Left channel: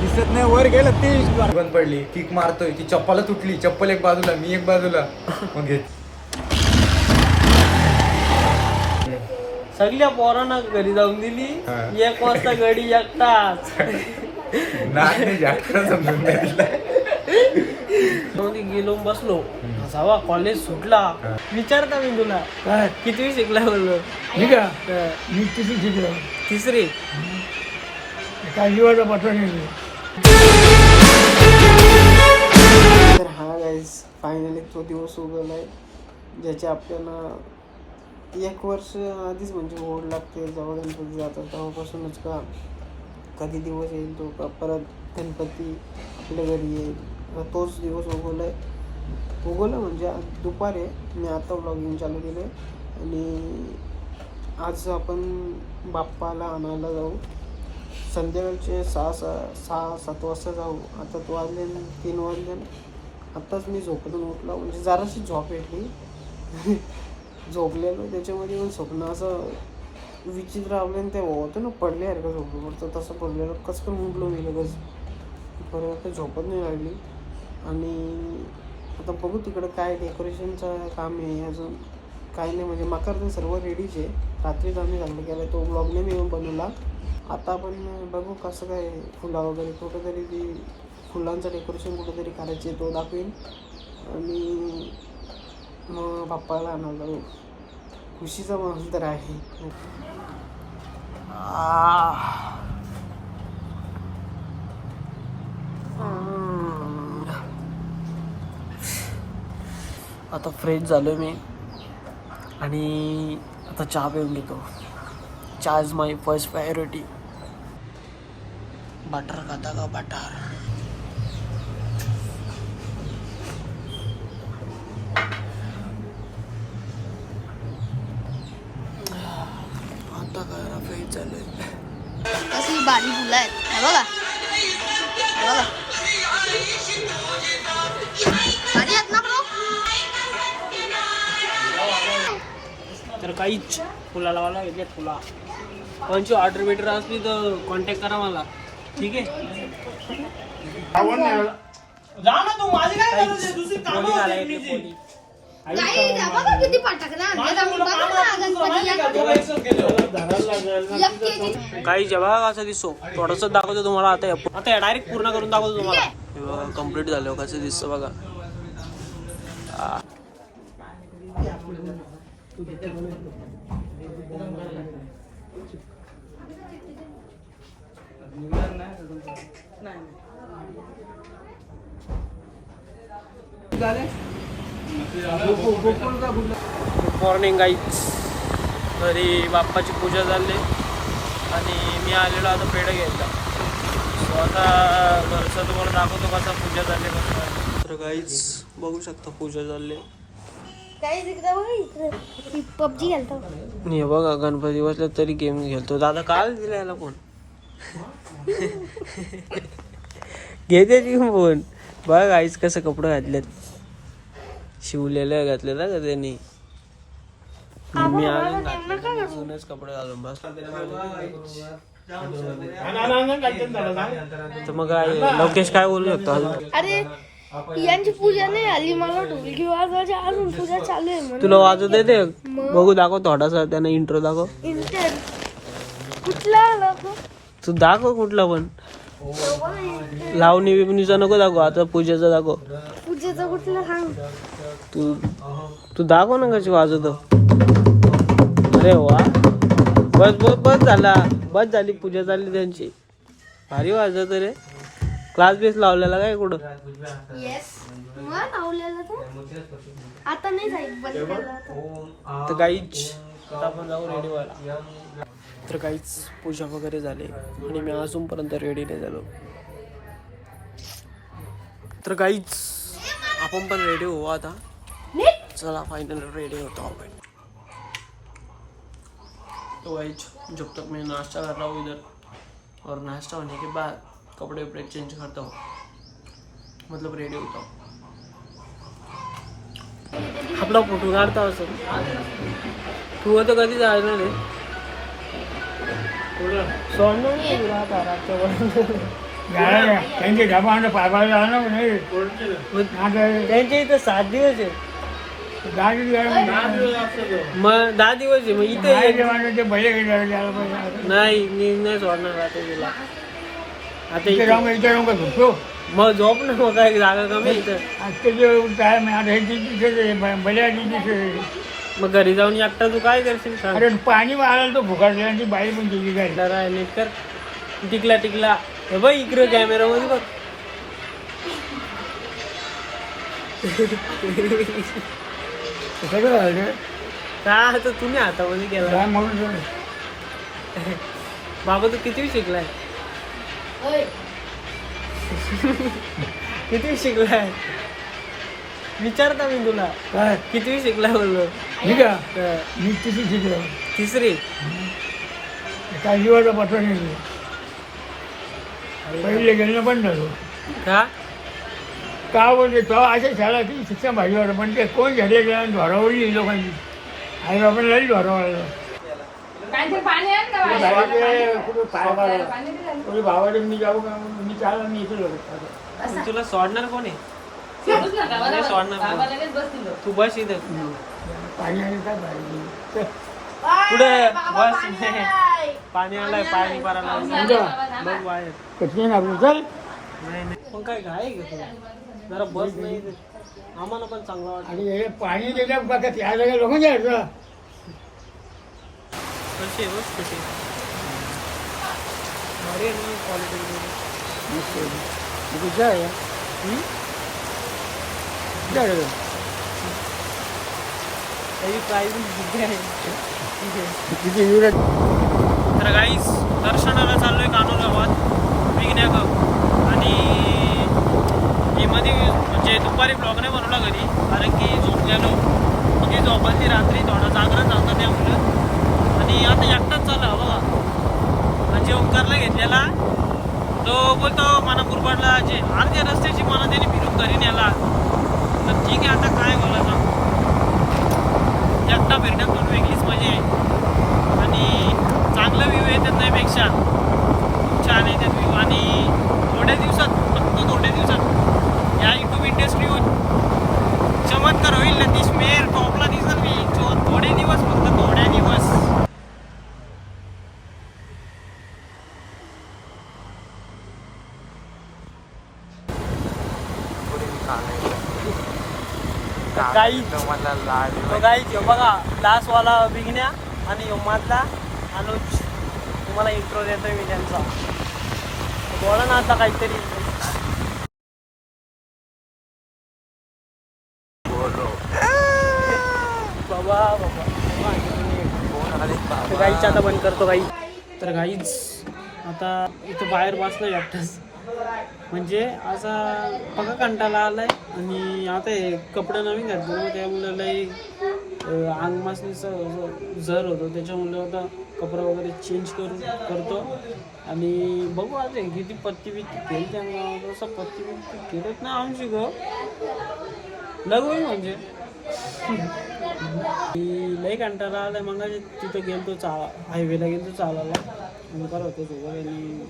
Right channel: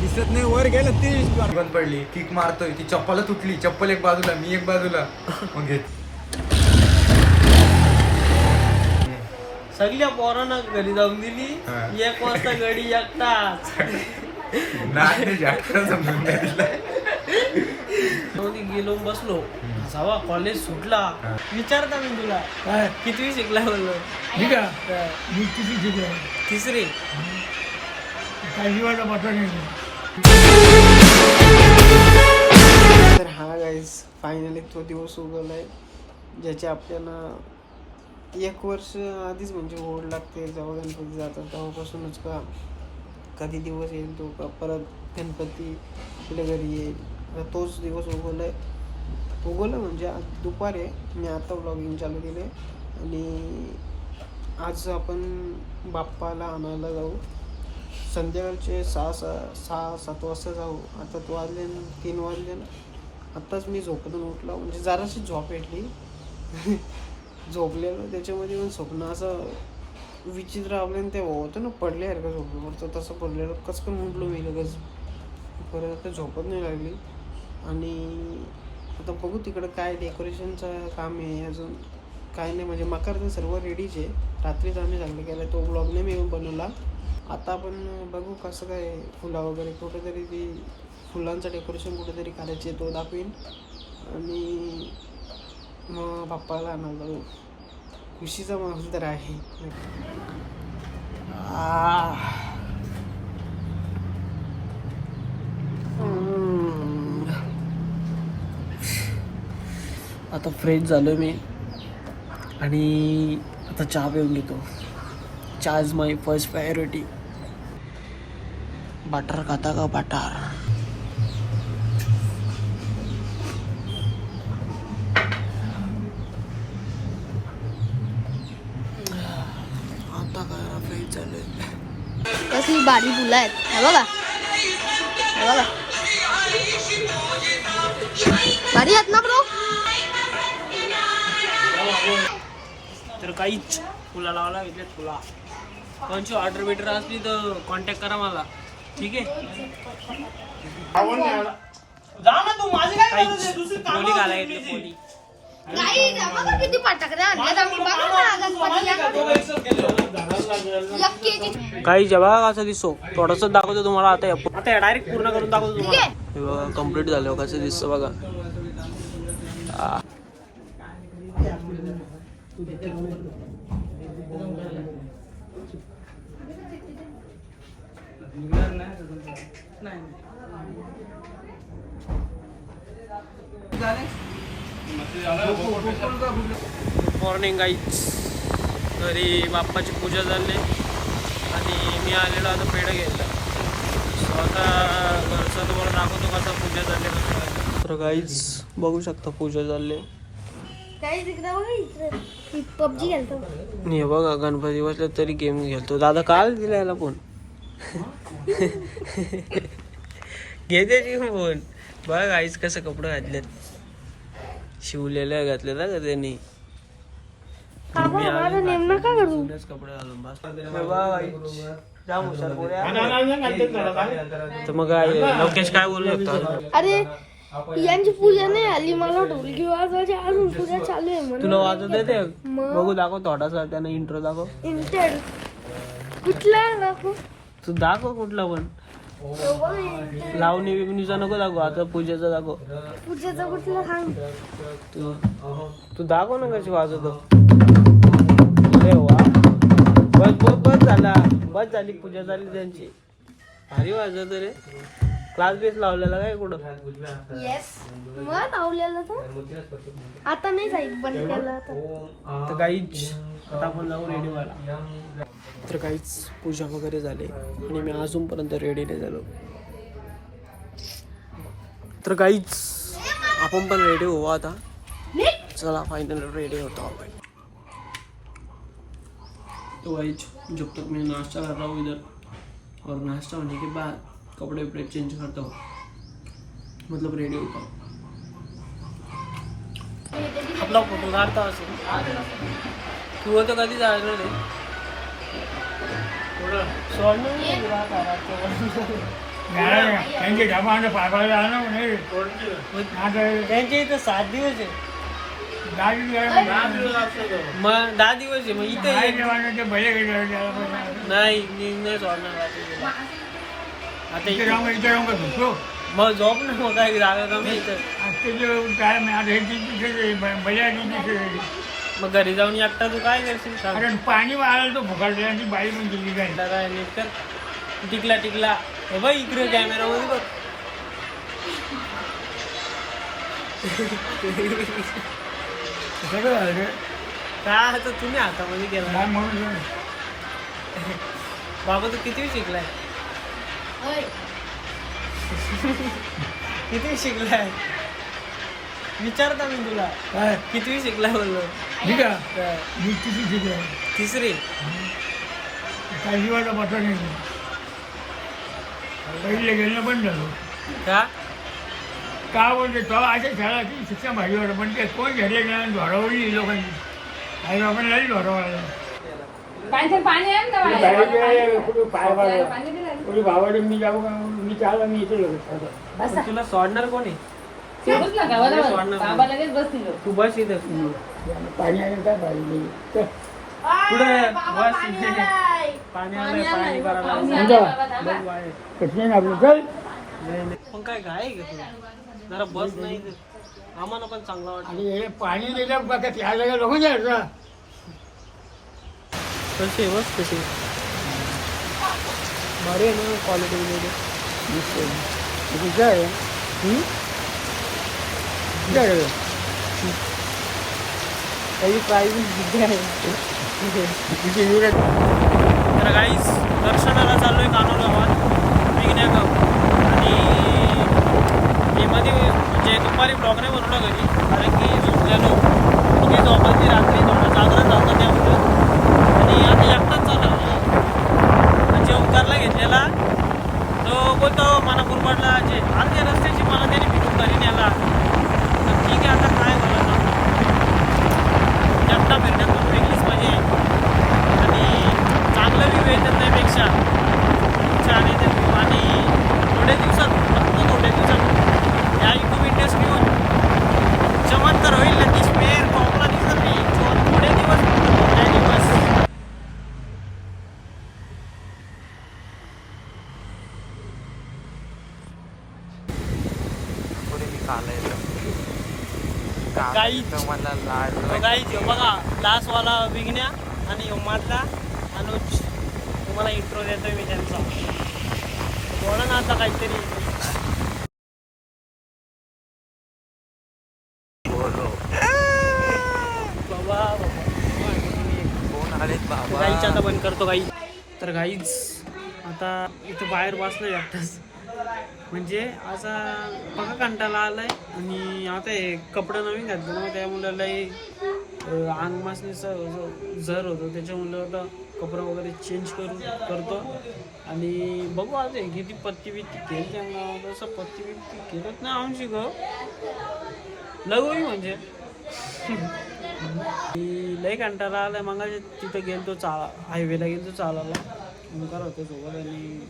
दिसत नाही वर गेलं ती बंद पडली. किक मारतोय ती चप्पल तुटली. चप्पल एक बाजूला मी एक बाजूला. मग घेत सगळ्या पोरांना घरी जाऊन दिली. 1 वाजता घडी एकटाच नाही समजून नाही दिला. गेलो बसलो. जावा कॉलेज सुटला. विचारता मी तुला किती शिकला बोललो. मी किती शिकलो. तिसरी. तर हा गाईज फायनली तो दिवस उगवलाय ज्याचे आपल्याला 1 वर्ष आधीच म्हणजे ओढ लागते. जेव्हा गणपती जातात तेव्हापासूनच का कधी दिवस येईल तो का परत गणपती आपल्या घरी येईल. तोच दिवस उगवला म्हणजे आज दुपारी मी आता व्लॉगिंग चालू केले आणि आज आपण बाप्पाला आणायला जाऊ. संध्याकाळचे 6-7 वाजता जाऊ. आता 3 वाजले. आत्ताच मी झोपेतून उठलो म्हणजे जराशी झोप भेटली. झोपलेलो त्याच्यामध्ये पण स्वप्न असं विचित्र आपल्याला ते होतं ना पडल्यासारखं झोपलं तसं पडलेलं कसं म्हटलो मी लगेच. परत आता झोपत नाही लागली. आणि आता बघू तिकडं काय डेकोरेशनचं काम आहे. अजून काय नाही म्हणजे मकर तर सर्व रेडीच आहे. रात्रीच आम्ही चांगलं केलं तो ब्लॉग नाही मी बनवला. आता आपण बघू कसं काय फुला वगैरे कुठेतरी ती फुलांचं डेकोरेशन कुठेतरी करायचे तो दाखवीन. आणि मग बाप्पाला आणायला जाऊ. खुशीचा माहोल तर आहे. आता फ्रेश झालो मी आणि आता चहा पिऊन घेतो. चहा is my first priority. Butter खाता का बटर. आता काय फ्रेश झालोय. कसली बारी फुलं आहेत हे बघा. भारी आहेत ना ब्रो. तर काहीच फुला लावायला घेतल्यात. फुला कोणची ऑर्डर बिटर असली तर कॉन्टॅक्ट करा मला. ठीक आहे. जा ना तू. माझी काय पोली घाला घेतली. पोली किती फटाकडे आणले काही जेव्हा कसं दिसतो थोडस दाखवतो तुम्हाला. आता डायरेक्ट पूर्ण करून दाखवतो तुम्हाला. हे बघा कम्प्लीट झालं कसं दिसतं बघा. Good morning guys. घरी बाप्पाची पूजा झाली आणि मी आलेलो आता पेढं घ्यायचा. सो आता घरचं तुम्हाला दाखवतो कसं पूजा झाली कसं. तर गाईज बघू शकता पूजा झाली. पबजी खेळतो. हे बघा गणपती बसल्या तरी गेम खेळतो. दादा काल दिला याला फोन. घेते की फोन. बघा गाईज कसं कपडे घातलेत. शिवलेल्या घातले ना का त्यांनी. मी अजूनच कपडे घालून बस. तर मग काय लवकेश काय बोलू शकतो. अरे यांची पूजा नाही आली. मला ढोलकी वाजवायची अजून पूजा चालू आहे म्हणून. तुला वाजवत येते. बघू दाखव थोडासा. त्यांना इंट्रो दाखव. इंटर कुठला दाखव. तू दाखव कुठला पण. लावणी बिवणीचा नको दाखव. आता पूजेचा दाखव. पूजेचा कुठला सांग. तू दाखव ना कशी वाजवतो. अरे वा. बस झाला. बस झाली पूजा झाली त्यांची. भारी वाजवतो रे. क्लास बेस लावलेला काय कुठं. मग लावलेला तर आता नाही जाईल. बंद केला तर काहीच आता आपण जाऊ रेडी व्हायला. तर काहीच पूजा वगैरे झाली आणि मी अजूनपर्यंत रेडी नाही झालो. तर काहीच आपण पण रेडी होऊ आता. चला फायनल रेडी होतो आपण. तो गाइस जब तक मैं नाश्ता कर रहा हूँ इधर और नाश्ता होने के बाद कपड़े वपड़े चेंज करता हूँ. मतलब रेडी होता हूँ. आपला फोटो काढतो असेल. तू तर कधी जायचं रे. त्यांचे डबाने पायबाला आणू नाही त्यांच्या इथं 7 दिवस आहे. मग 10 दिवस आहे. मग इथे ते भले नाही मी नाही सोडणार आता तुला. आता इथे राहून इथे राहून का झोपतो मग झोप ना मग काय जागा कमी इथं. आजचे जे काय आता हे भल्या मग घरी जाऊन एकटा तू काय करशील सांग. अरे पाणी मारायला तो भुकायला आणि ती बाई पण तुझी काय जरा नीट कर. टिकला हे बघ इकडे कॅमेरा मध्ये बघ. सगळं झालं काय होतं तुम्ही हातामध्ये तेव्हा. काय म्हणून बाबा तू किती शिकलाय किती शिकलाय विचारता मी तुला काय किती शिकलाय बोललो. ठीक आहे मी किती शिकलो 3री. काही वाटत पटलं नाही पहिले गेलं पण झालो का का बोलते तो अशा शाळा की शिक्षण भाजीवाड पण ते कोण झाले गेला धोरावली लोकांची आई बाबांना धोरावलं कुठे भावाडे मी जाऊ का मी चालला मी इथे लोक पण तुला सोडणार कोण आहे. नाही सोडणार कोण. तू बस इथं पाणी आणि काय पाहिजे पुढे बस पाणी आलाय पाणी भरायला बघ बाहेर. कठीण आपलं चल नाही पण काय आहे का तुला जरा बस नाही इथं. आम्हाला पण चांगला वाटतं. आणि हे पाणी दिलं बघा त्या जागा लोक जायचं कशी आहे बस कशी भारी आहे ना क्वालिटी वगैरे. काय काही प्राईज आहे. तर गाईस दर्शनाला चाललोय कानोर गावात विघ्न्या गाव. आणि हे मध्ये म्हणजे दुपारी ब्लॉग नाही बनवला घरी कारण की झोपलेलो मग झोपायची रात्री थोडा जागरण जातं त्यामुळं. आणि आता एकटाच चालला बघा म्हणजे ओंकारला घेतलेला तो बोलतो मला कुरबाडला जे अर्ध्या रस्त्याची मला त्याने फिरून घरी नेला. तर ठीक आहे आता काय मला ना एकटा फिरण्यात पण वेगळीच मजा आहे. आणि चांगला व्ह्यू आहे त्यापेक्षा छान आहे त्या व्ह्यू. आणि थोड्या दिवसात फक्त थोड्या दिवसात या यूट्यूब इंडस्ट्री होऊन चमत्कार होईल नतीश मेर टॉपला दिसत मी थोडे दिवस फक्त थोड्या दिवस. गाईच बघा लास्टवाला विघ्न्या आणि मधला अनुज. तुम्हाला इंट्रो देतोय मी त्यांचा. बोला ना आता काहीतरी. बाबा गाईच आता बंद करतो गाई. तर गाईच आता इथं बाहेर बसलं एकटाच म्हणजे असा पका कंटाळा आलाय. आणि आता हे कपडे नवीन घातले ना त्यामुळे लई अंग मासनीचं जर होतो त्याच्यामुळे आता कपडे वगैरे चेंज करतो. आणि बघू आज किती पत्ती बित्ती केली त्यांना तसं पत्ती बित्ती केलंच नाही आमची ग लगू म्हणजे लई कंटाळा आलाय. मग तिथं गेलतो हायवेला गेलतो चालायला ओंकार होतो सोबत. आणि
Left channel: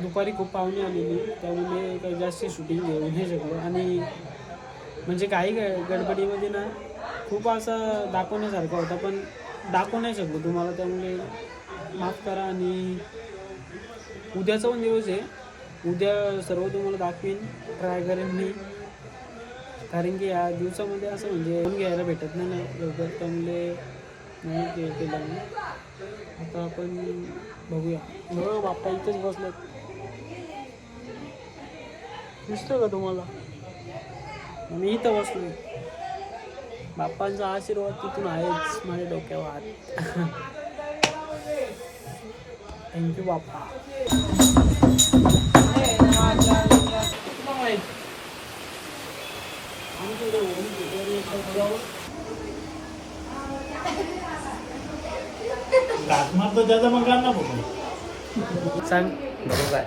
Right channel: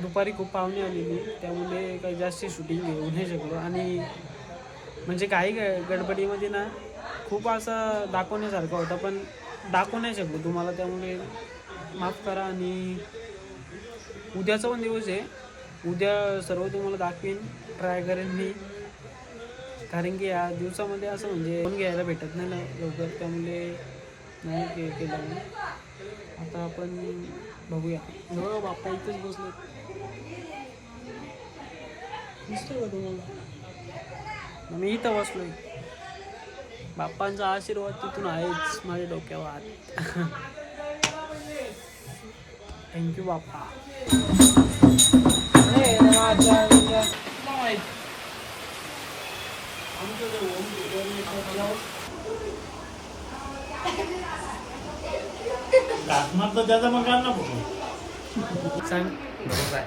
दुपारी खूप पाहुणे आलेली त्यामुळे काही जास्त शूटिंग घेऊ नाही शकलो. आणि म्हणजे काही गडबडीमध्ये ना खूप असं दाखवण्यासारखं होतं पण दाखवू नाही शकलो तुम्हाला त्यामुळे माफ करा. आणि उद्याचा पण दिवस आहे उद्या सर्व तुम्हाला दाखवेन ट्राय करेन मी कारण की या दिवसामध्ये असं म्हणजे फोन घ्यायला भेटत नाही ना लवकर त्यामुळे नाही केलं मी. आता आपण बघूया. हो बाप्पा इथंच बसलो दिसतं का तुम्हाला. मी इथं बसलोय. बाप्पांचा आशीर्वाद तिथून आहेच माझ्या डोक्यावर. थँक्यू बाप्पा. त्याचा मग नको सांग नको काय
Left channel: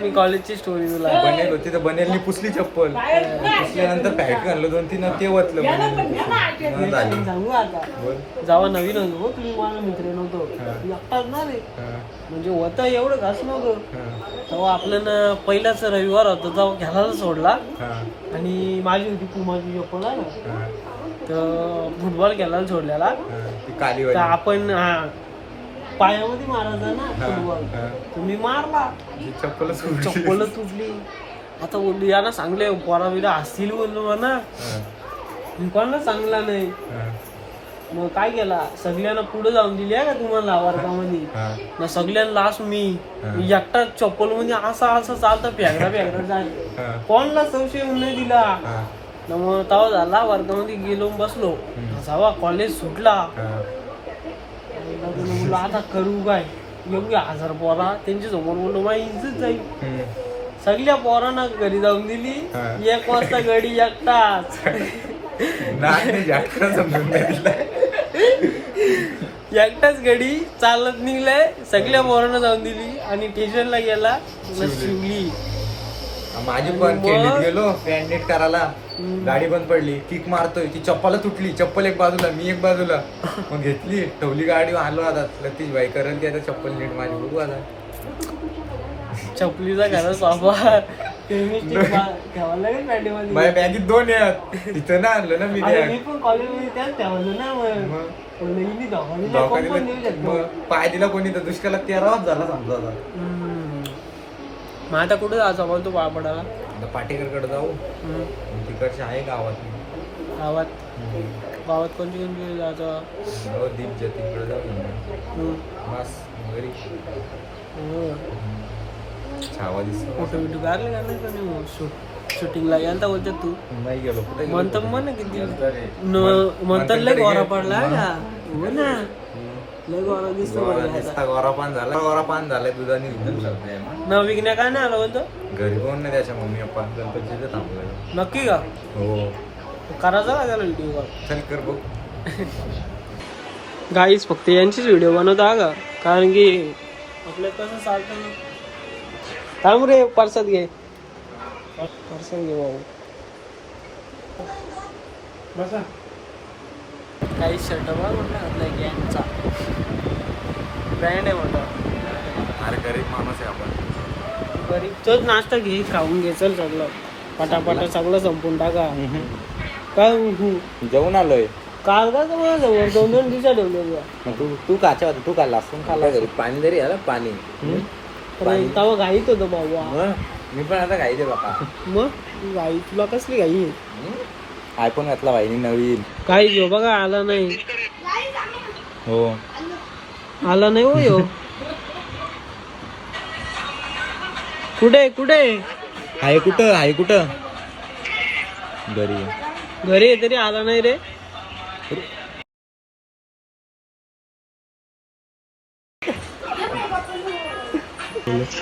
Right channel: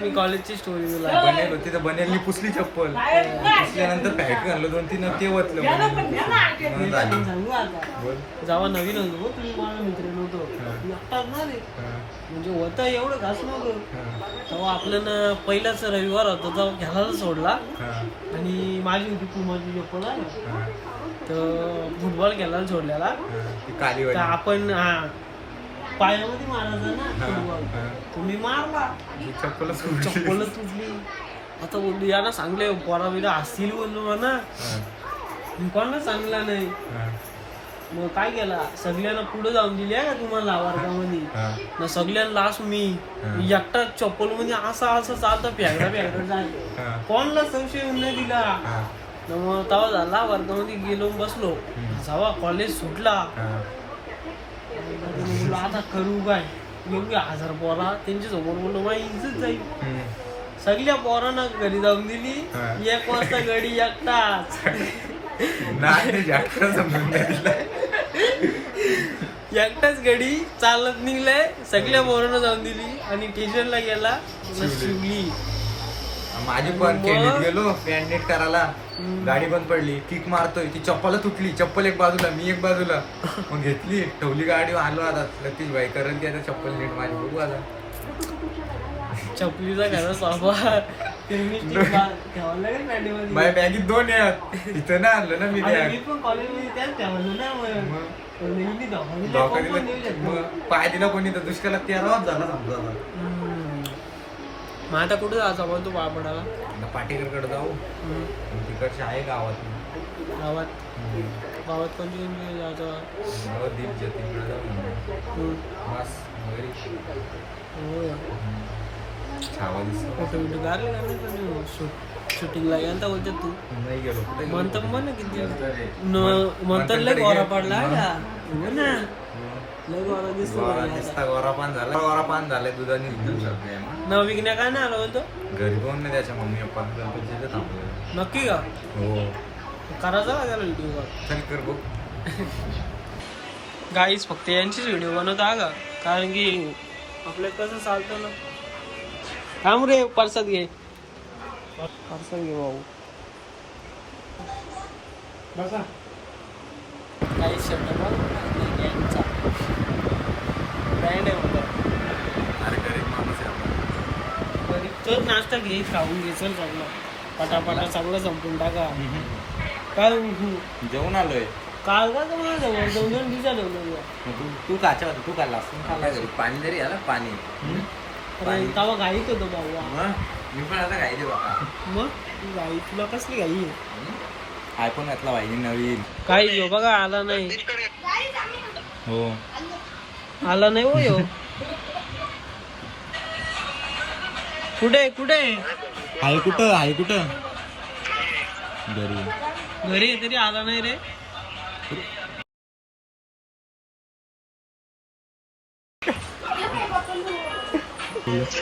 मी कॉलेजची स्टोरी तुला बनेल होती तर बनेलनी पुसली चप्पल पुसल्यानंतर पॅक आणलं 2-3 ते वतलं बनेलनी झाली. सांगू आता बोल. जेव्हा नवीन होतो तुम्ही मला मित्र नव्हतो एकटाच ना रे म्हणजे होतं एवढं घास नव्हतं तेव्हा आपल्याला पहिलाच रविवार होता तेव्हा घ्यायला सोडला आणि माझी होती पुमाची चप्पल आहे ना तर फुटबॉल घ्यायला सोडलेला ती काली तर आपण पायामध्ये मारायचा ना फुटबॉल तुम्ही मारला चप्पल तुटली आता बोलली याला सांगले पोरा बिरा हसतील बोललो म्हणा मी कोणाला सांगला नाही मग काय केला सगळ्यांना पुढे जाऊन दिली आहे का तुम्हाला वर्गामध्ये ना सगळ्यांना लास्ट मी एकटा चप्पल मध्ये असा चालतं फेगडा जाय कोणाला संशय येऊन नाही दिला ना मग तेव्हा झाला वर्गामध्ये गेलो बसलो जेव्हा कॉलेज सुटला बोललो आता करू काय एवढी 1000 पोरा त्यांच्या समोर बोललो माझी इज्जत जाईल सगळ्या पोरांना घरी जाऊन दिली 1 वाजता गडी एकटाच एकटाच गडी चालत निघलाय सगळ्या पोरांना जाऊन दिली आणि स्टेशनला गेला शिवली माझी पण केंडीत गेलो पॅन्ट नीट करायला गाडी बंद पडली किक मारतोय ती चप्पल तुटली चप्पल एक बाजूला मी एक बाजूला मग घेतली ठेवली गाडी आलो आता लतीश भाई करण ती आता चप्पल नीट माझी बघू आता चपलीचा घरा स्वाभा ठेवायला लागेल पॅन्टीमध्ये माझ्या बॅगीत 2 आहेत इथं ना आणलं ना मी मी पण कॉलेजमध्ये त्याच ठेवलं ना मग पाय दिला कोणी तर दुष्काळात 13 झाला समजा आता मग आता कुठे जायचा बोलतो पापडाला आता पाटेकरकडे जाऊ तिकडचे आहे गावात गावात कोणती जायचं दीप जतीनकडे जाऊ बस घरी छावा दिसतो फोटो बिटो काढले का नाही पण शूटिंगला गेला तर बोलतात तू नाही गेलो कुठे म्हणतो म्हण किती म्हणतात लय गोरा पडला हो ना लय गोरा दिसतो गोरापान झालाय दुधाने न विकण्या काय नाही आलं बोलतो घरी कोण नाही त्याच्या मम्मी पप्पा गणपतीचं थांबलं नक्की का हो करायचा का त्याला व्हिडिओ कॉल चल कर बघ गाईच फक्त यांचीच व्हिडिओ बनवता का कारण की आपल्या कसं चालतं ना थांब रे परसात घे भाऊ बसा काही शर्ट ब्रँड आहे बाबा अरे गरीब माणूस आहे आपण गरीब तोच नाश्ता घे खाऊन घे चल सगळं पटापटा सगळं संपून टाका काय जेवण आलोय काल का तुम्ही 2 दिवसात ठेवलं तू काचा तू काय लसूण खाल्ला घरी पाणी जरी आलं पाणी तेव्हा घाईत होतं बाबा मी पण आता घाईचे बाबा मग घाई तुला कसली घाई आयफोन घातला भाईनी नवीन काही घेऊ बघा आला नाही हो आला नाही हो यो कुठे आहे कुठं घरी घरी आहे तरी आला नाही रे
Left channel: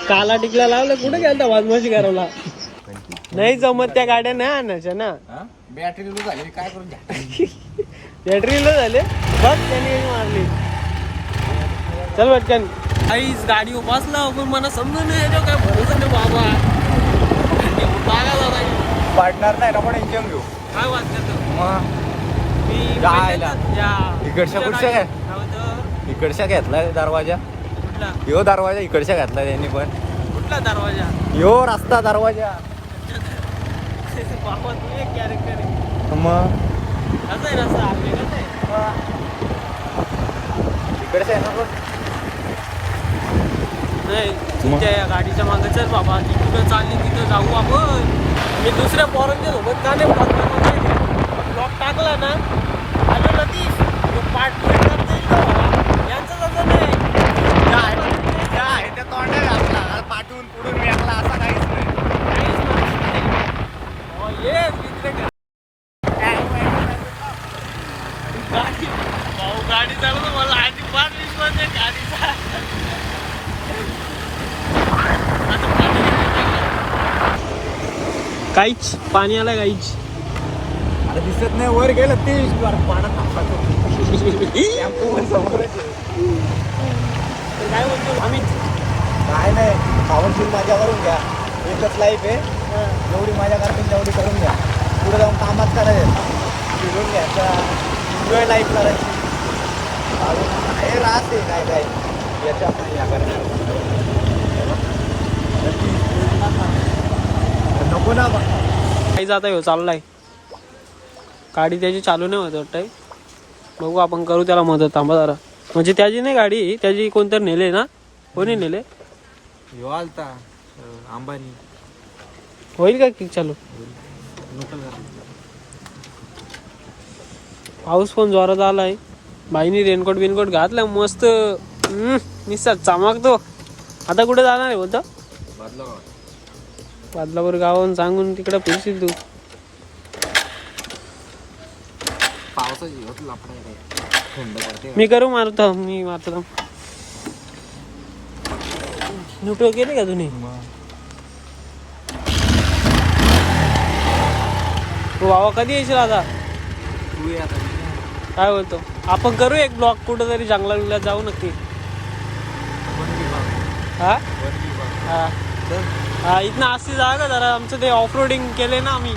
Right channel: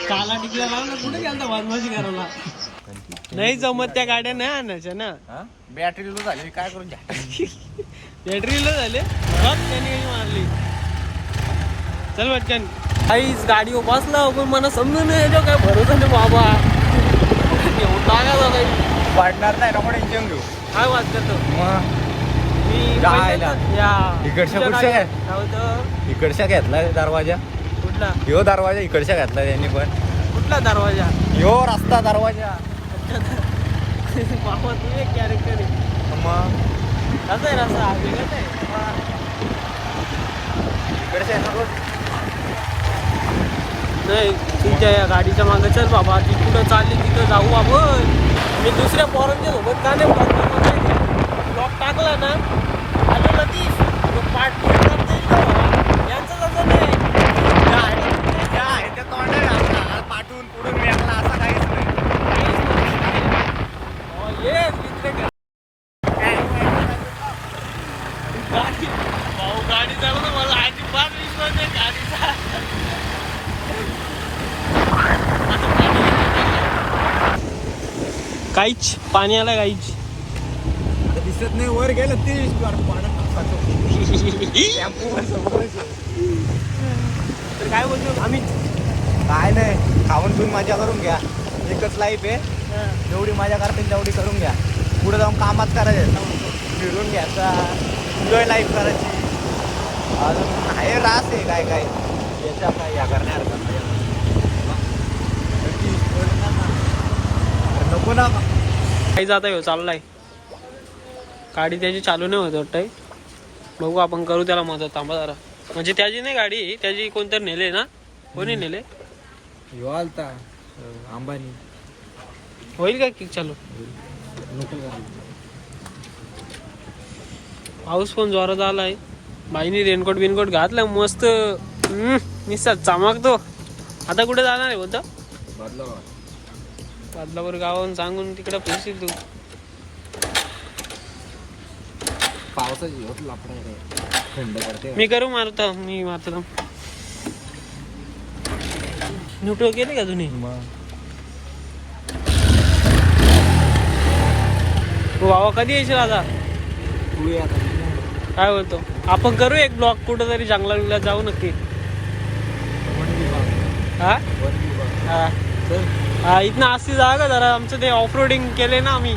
काला टिकला लावलं कुठे गेलता वाजवाशी करायला नाही जमत त्या गाड्या नाही आणायच्या ना बॅटरी लो झाली काय करून बॅटरी लो झाले बघ त्याने मारली चल बच्चन आईच गाडी बसला पण मला समजून नाही जो काय भरोसा नाही बाबा लागायला नाही वाढणार नाही ना पण इंजन देऊ काय वाजत इकडच्या घेतलाय दरवाजा कुठला यो दरवाजा इकडच्या घातला त्यांनी पण कुठला दरवाजा यो रस्ता दरवाजा बाबा तू एक कॅरेक्टर आहे मग कसा आहे रस्ता वेगळाच आहे नाही तुमच्या या गाडीच्या मागं चल बाबा ती कुठं चालली तिथं जाऊ आपण मी दुसऱ्या पोरांच्या सोबत का नाही ब्लॉक टाकला ना आलो लतीश पाठ करता येईल का यांचं तसं नाही त्या तोंडा घातला पाठवून पुढून वेगळा असा काहीच नाही गाडी चालवलं मला अजिबात विश्वास नाही गाडीचा काहीच पाणी आला काहीच आता दिसत नाही वर गेलं ते पाण्यात काय बोलतो आम्ही काय नाही, खाऊन पिऊन मजा करून घ्या. एकच लाईफ आहे, जेवढी मजा करतील तेवढी करून घ्या. पुढे जाऊन कामात करायचं, फिरून घ्यायचा, एन्जॉय लाईफ करायची. अजून काय राहते काय काय याच्यात नाही या करणार. नको ना काही जाता येऊ चाललाय. गाडी त्याची चालू नाही होत वाटतंय. बघू आपण करू त्याला मदत. थांबा जरा. म्हणजे त्याची नाही गाडी, त्याची कोणतरी नेले ना. कोणी नेले? ह्यो आलता अंबानी. होईल काय किक चालू? पाऊस पण जोरात आलाय. बाईनी रेनकोट बिनकोट घातलं मस्त. निसर्ग चमकतो. आता कुठे जाणार आहे बोलतो? बदलापूर गावाहून सांगून तिकडे फिरशील तू. पावसाची होत लफडा थंड पडते. मी करू मारतो. मी मारतो. न्यूट्रल केले का तुम्ही? तू बाबा कधी येशील आता? काय बोलतो? आपण करू एक ब्लॉक कुठं तरी जंगला बिंगलात जाऊ नक्की. हा हा हा इथनं असती जागा जरा. आमचं ते ऑफ रोडिंग केले ना आम्ही.